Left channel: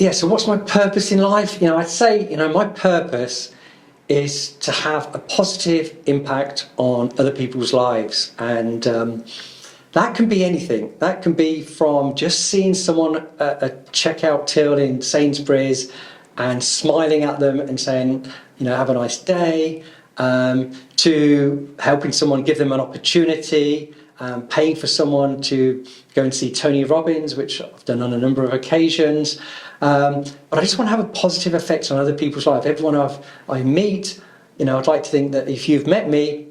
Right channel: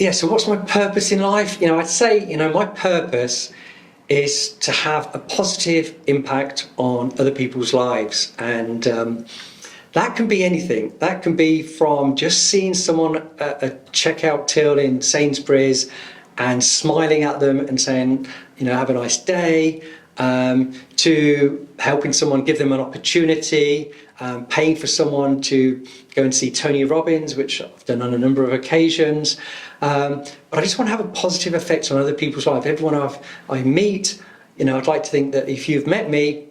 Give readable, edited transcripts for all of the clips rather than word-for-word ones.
Yeah, so what's my purpose in life? I'd say, my purpose is to have a positive impact on other people's lives. And that can be anything. That can be from just seeing someone at a checkout till in Sainsbury's and smiling at them and saying, have a nice day, to helping someone, give them an opportunity, paying for someone to go and see Tony Robbins, which I've done on a number of occasions. But I just want to have a positive effect on other people's life. Everyone I meet, I'd like to think that if you've met me,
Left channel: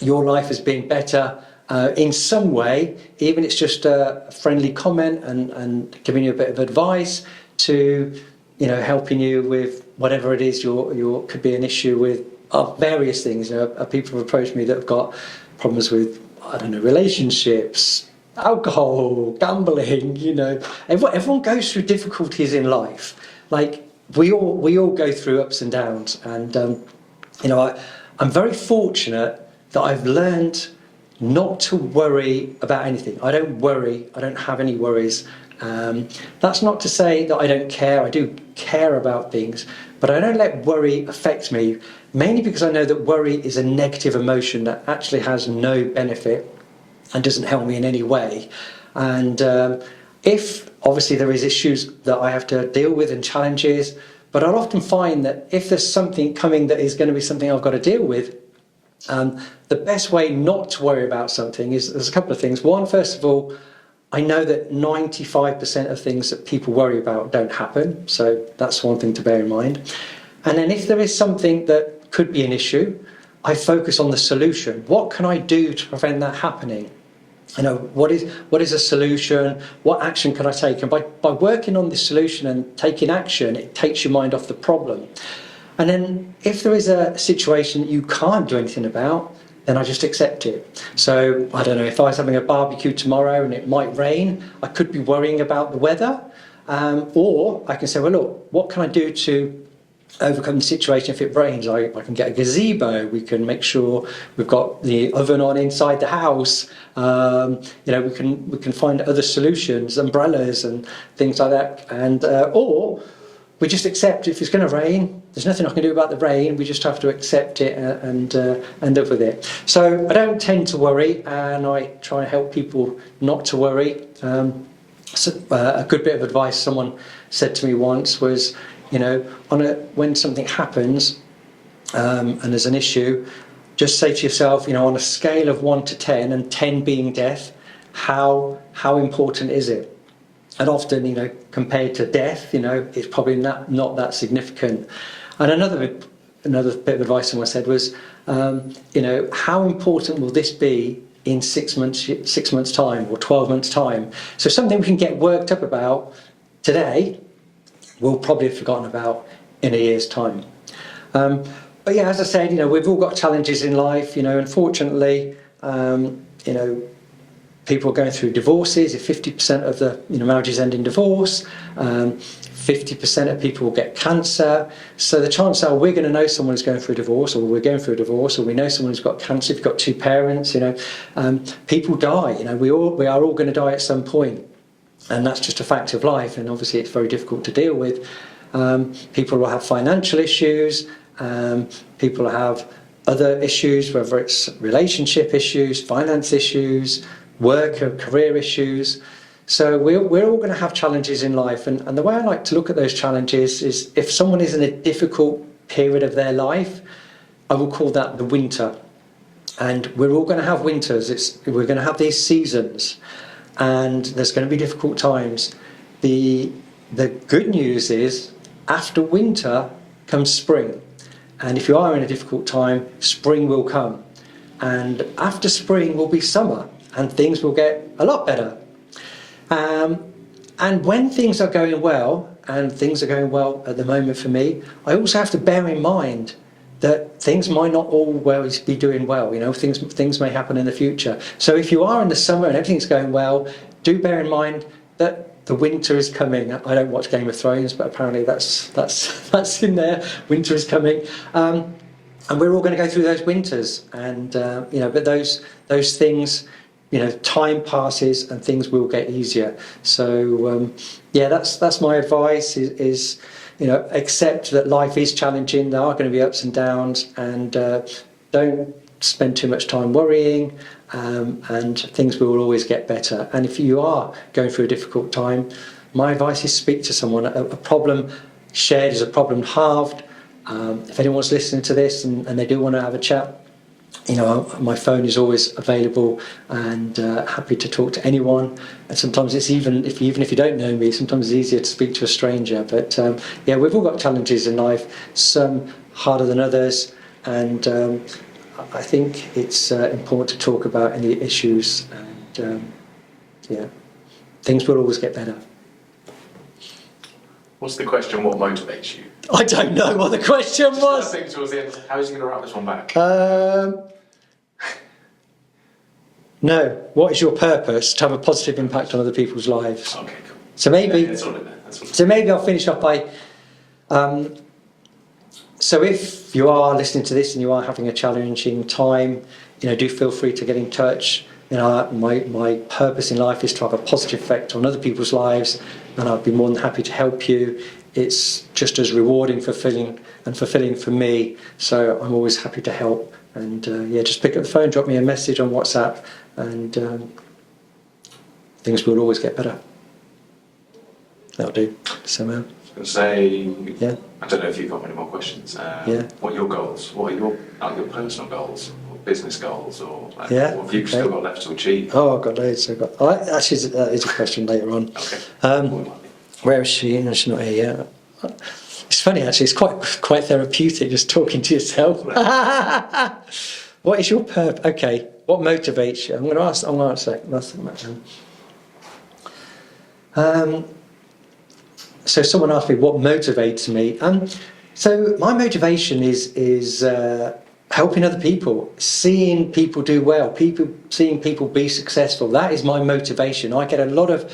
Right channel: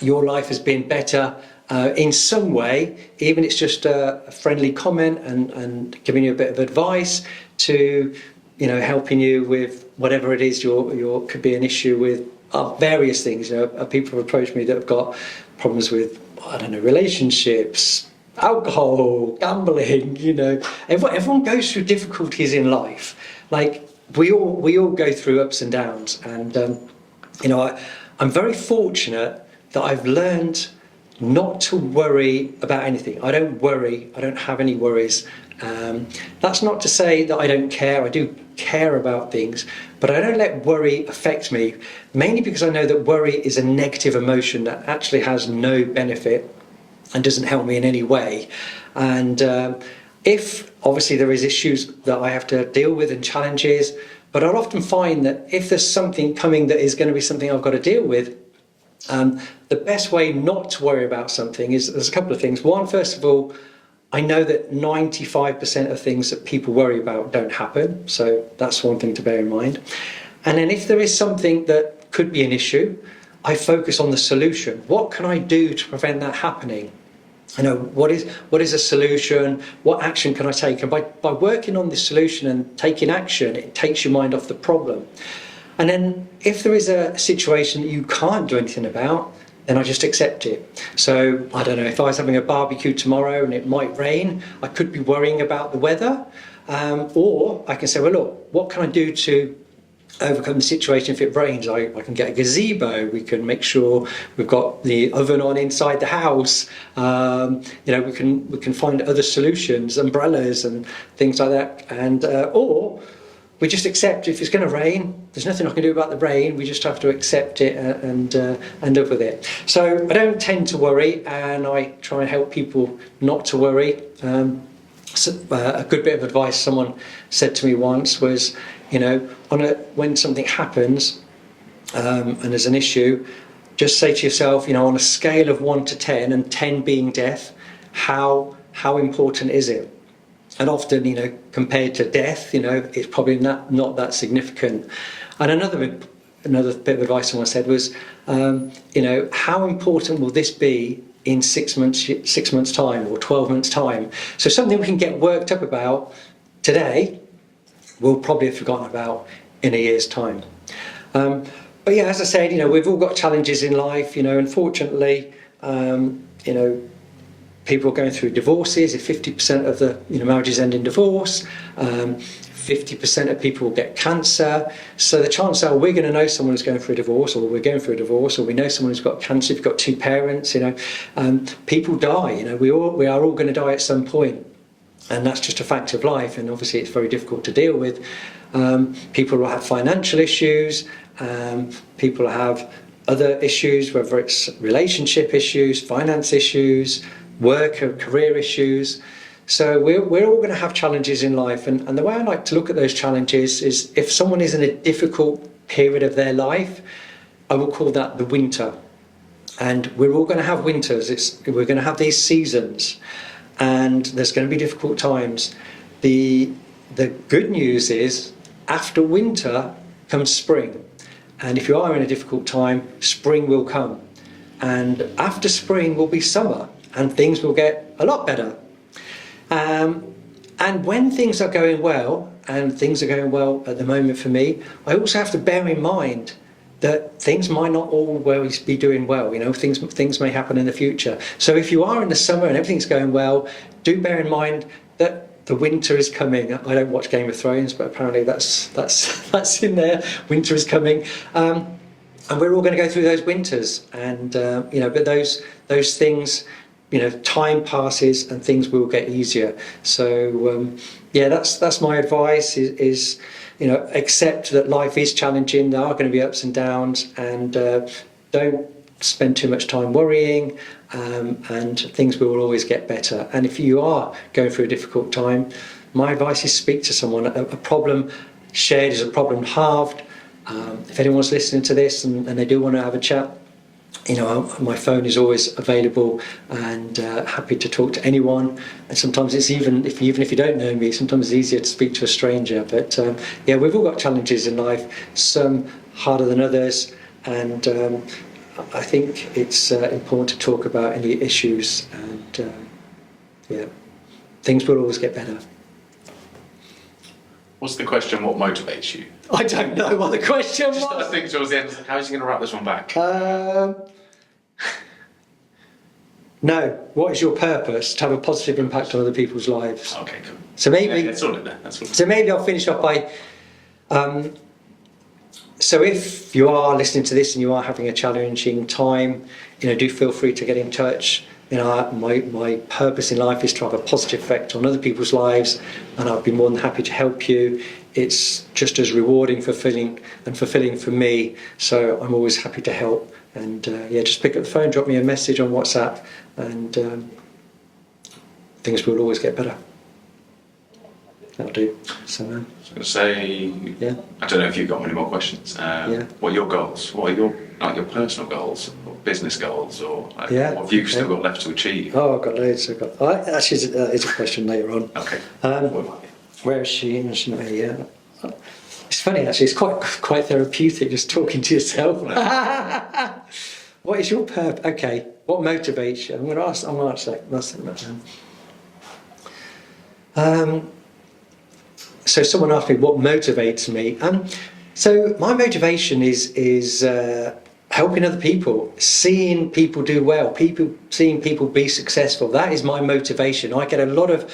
your life has been better in some way, even if it's just a friendly comment and giving you a bit of advice, to helping you with whatever it is your could be an issue with various things. People have approached me that have got problems with, I don't know, relationships, alcohol, gambling. Everyone goes through difficulties in life. Like we all go through ups and downs, and I'm very fortunate that I've learned not to worry about anything. I don't worry. I don't have any worries. That's not to say that I don't care. I do care about things, but I don't let worry affect me, mainly because I know that worry is a negative emotion that actually has no benefit and doesn't help me in any way. And if obviously there is issues that I have to deal with and challenges, but I'll often find that if there's something coming that is going to be something I've got to deal with, the best way not to worry about something is, there's a couple of things. One, first of all, I know that 95% of things that people worry about don't happen. So that's one thing to bear in mind. And then if there is something that could be an issue, I focus on the solution. What can I do to prevent that happening? What is a solution? What action can I take? And by working on the solution and taking action, it takes your mind off the problem. And then if there is a situation that you can't do anything about, then I just accept it. So, I don't know, if I was having a barbecue tomorrow and it might rain, I could be worrying about the weather. Or I can say, well, look, what can I do to overcome the situation if it rains? I can get a gazebo. We can make sure we've got the oven on inside the house. We can find other solutions, umbrellas and things like that. And or we just accept if it's going to rain. There's nothing I can do about the rain. We just have to accept it and live with it. So I don't tend to worry, and I try and help people not to worry. A good bit of advice someone said to me once was, when something happens and there's an issue, just say to yourself, on a scale of 1 to 10, and 10 being death, how important is it? And often, compared to death, it's probably not that significant. And another bit of advice someone said was, how important will this be in 6 months' time or 12 months' time? So something we can get worked up about today, we'll probably have forgotten about in a year's time. But yeah, as I said, we've all got challenges in life. Unfortunately, people are going through divorces. If 50% of the marriages end in divorce, 50% of people will get cancer. So the chances are we're going to know someone who's going through a divorce, or we're going through a divorce, or we know someone who's got cancer. If you've got 2 parents, people die. We are all going to die at some point, and that's just a fact of life. And obviously, it's very difficult to deal with. People will have financial issues. People have other issues, whether it's relationship issues, finance issues, work or career issues. So we're all going to have challenges in life, and the way I like to look at those challenges is, if someone is in a difficult period of their life, I will call that the winter. And we're all going to have winters. We're going to have these seasons, and there's going to be difficult times. The good news is, after winter comes spring, and if you are in a difficult time, spring will come, and after spring will be summer, and things will get a lot better. And when things are going well, and things are going well at the moment for me, I also have to bear in mind that things might not always be doing well. Things may happen in the future. So if you are in the summer and everything's going well, do bear in mind that the winter is coming. I don't watch Game of Thrones, but apparently that's in there. Winter is coming. And we're all going to go through those winters, and but those things, time passes and things will get easier. So that's my advice is accept that life is challenging. There are going to be ups and downs, and don't spend too much time worrying, and things will always get better. And if you are going through a difficult time, my advice is speak to someone. A problem shared is a problem halved. If anyone's listening to this and they do want to have a chat, my phone is always available, and happy to talk to anyone. And sometimes it's even if you don't know me, sometimes it's easier to speak to a stranger. But we've all got challenges in life, some harder than others, and I think it's important to talk about any issues, and things will always get better. What's the question? What motivates you? I don't know what the question was. I think towards the end, how is he going to wrap this one back? No. What is your purpose? To have a positive impact on other people's lives. Okay, cool. So maybe that's all in there. So maybe I'll finish off by. So if you are listening to this and you are having a challenging time, do feel free to get in touch. My purpose in life is to have a positive effect on other people's lives, and I'd be more than happy to help you. It's just as rewarding, fulfilling for me. So I'm always happy to help. And just pick up the phone, drop me a message on WhatsApp, and things will always get better. That'll do. So, I was going to say, yeah. I don't know if you've got many more questions. What are your goals? What are your personal goals, or business goals, or what have you still got left to achieve? Oh, I've got loads. Actually, it's a question later on. Okay. Where is she? No, she's not here yet. It's funny, actually. It's quite therapeutic just talking to yourself. What is your purpose? Okay. What motivates you? I'm going to answer that. So someone asked me what motivates me. So my motivation is helping other people, seeing people do well, seeing people be successful. That is my motivation. I get a lot of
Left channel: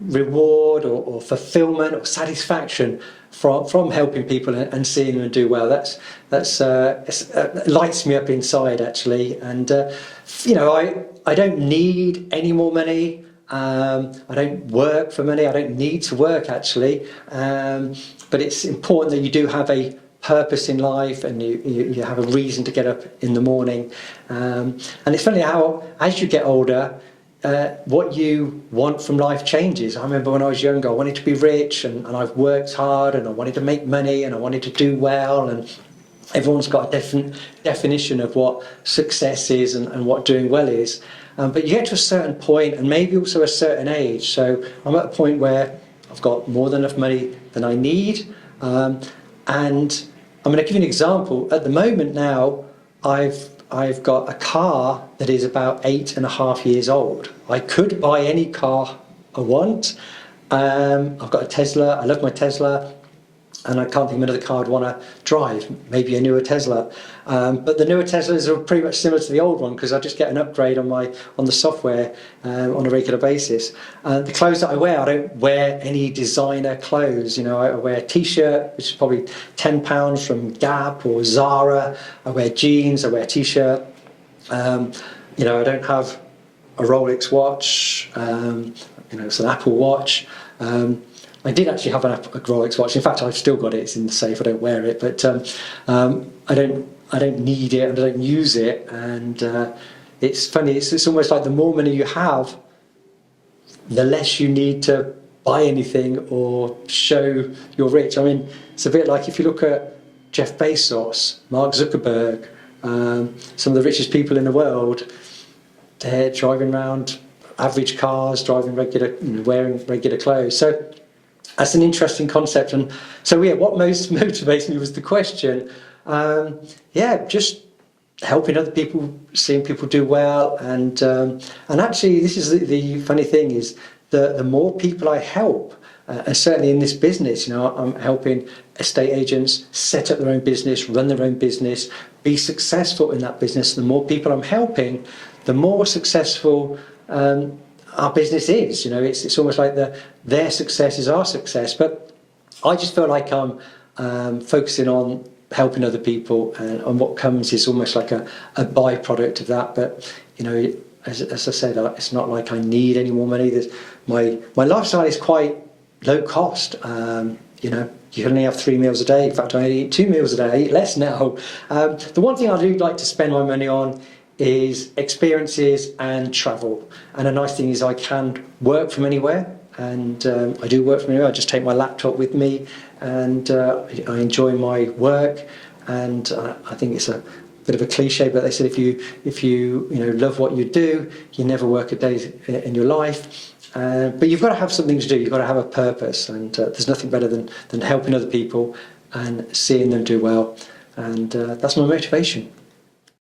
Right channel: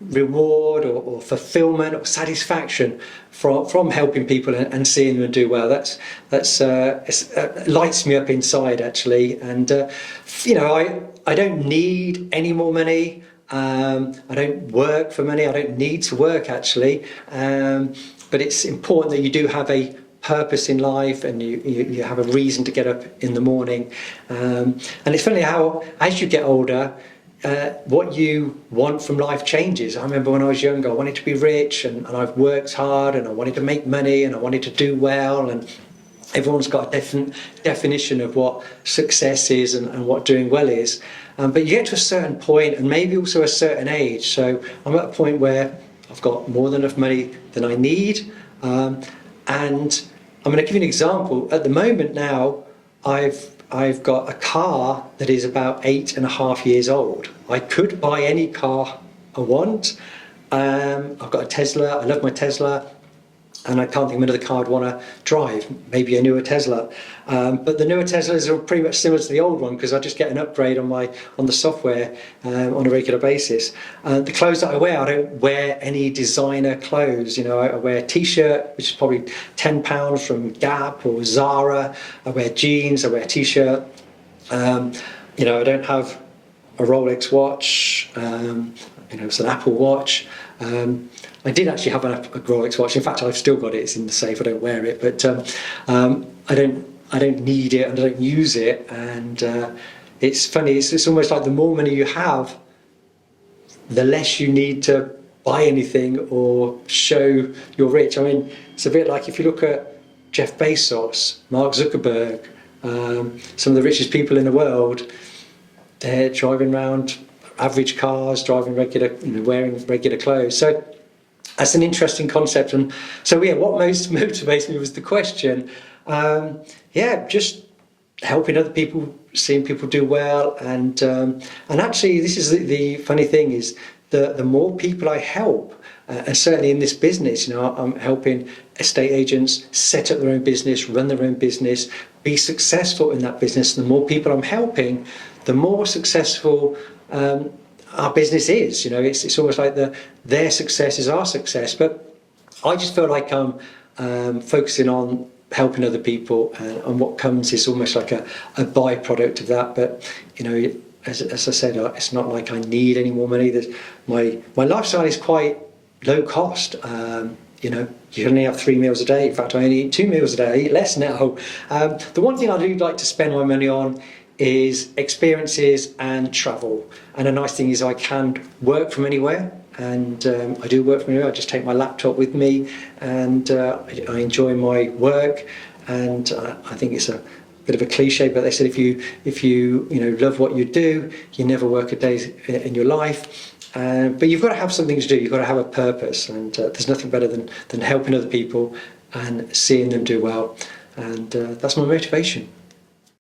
reward or fulfillment or satisfaction from helping people and seeing them do well. That's lights me up inside, actually. And I don't need any more money. I don't work for money. I don't need to work, actually. But it's important that you do have a purpose in life, and you have a reason to get up in the morning. And it's funny how, as you get older, what you want from life changes. I remember when I was younger, I wanted to be rich, and I've worked hard, and I wanted to make money, and I wanted to do well, and everyone's got a different definition of what success is and what doing well is. But you get to a certain point, and maybe also a certain age. So I'm at a point where I've got more than enough money than I need. And I'm going to give you an example. At the moment now, I've got a car that is about 8.5 years old. I could buy any car I want. I've got a Tesla. I love my Tesla. And I can't think of another car I'd want to drive, maybe a newer Tesla. But the newer Teslas are pretty much similar to the old one, because I just get an upgrade on the software on a regular basis. The clothes that I don't wear any designer clothes. I wear a t-shirt, which is probably £10 from Gap or Zara. I wear jeans, I wear a t-shirt. I don't have a Rolex watch. It's an Apple watch. I did actually have a Rolex watch. In fact, I've still got it. It's in the safe. I don't wear it, but I don't need it and I don't use it. And it's funny. It's almost like the more money you have, the less you need to buy anything or show you're rich. I mean, it's a bit like if you look at Jeff Bezos, Mark Zuckerberg, some of the richest people in the world. They're driving around average cars, wearing regular clothes. So that's an interesting concept. And so what most motivates me was the question. Just helping other people, seeing people do well, and actually this is the funny thing is the more people I help, and certainly in this business, I'm helping estate agents set up their own business, run their own business, be successful in that business. The more people I'm helping, the more successful our business is. It's almost like their success is our success. But I just feel like I'm focusing on helping other people, and what comes is almost like a byproduct of that. But as I said, it's not like I need any more money. My lifestyle is quite low cost. You know, you only have 3 meals a day. In fact, I only eat 2 meals a day. I eat less now. The one thing I do like to spend my money on is experiences and travel. And a nice thing is I can work from anywhere. And I do work from anywhere. I just take my laptop with me, and I enjoy my work. And I think it's a bit of a cliche, but they said if you love what you do, you never work a day in your life. But you've got to have something to do. You've got to have a purpose, and there's nothing better than helping other people and seeing them do well. And that's my motivation.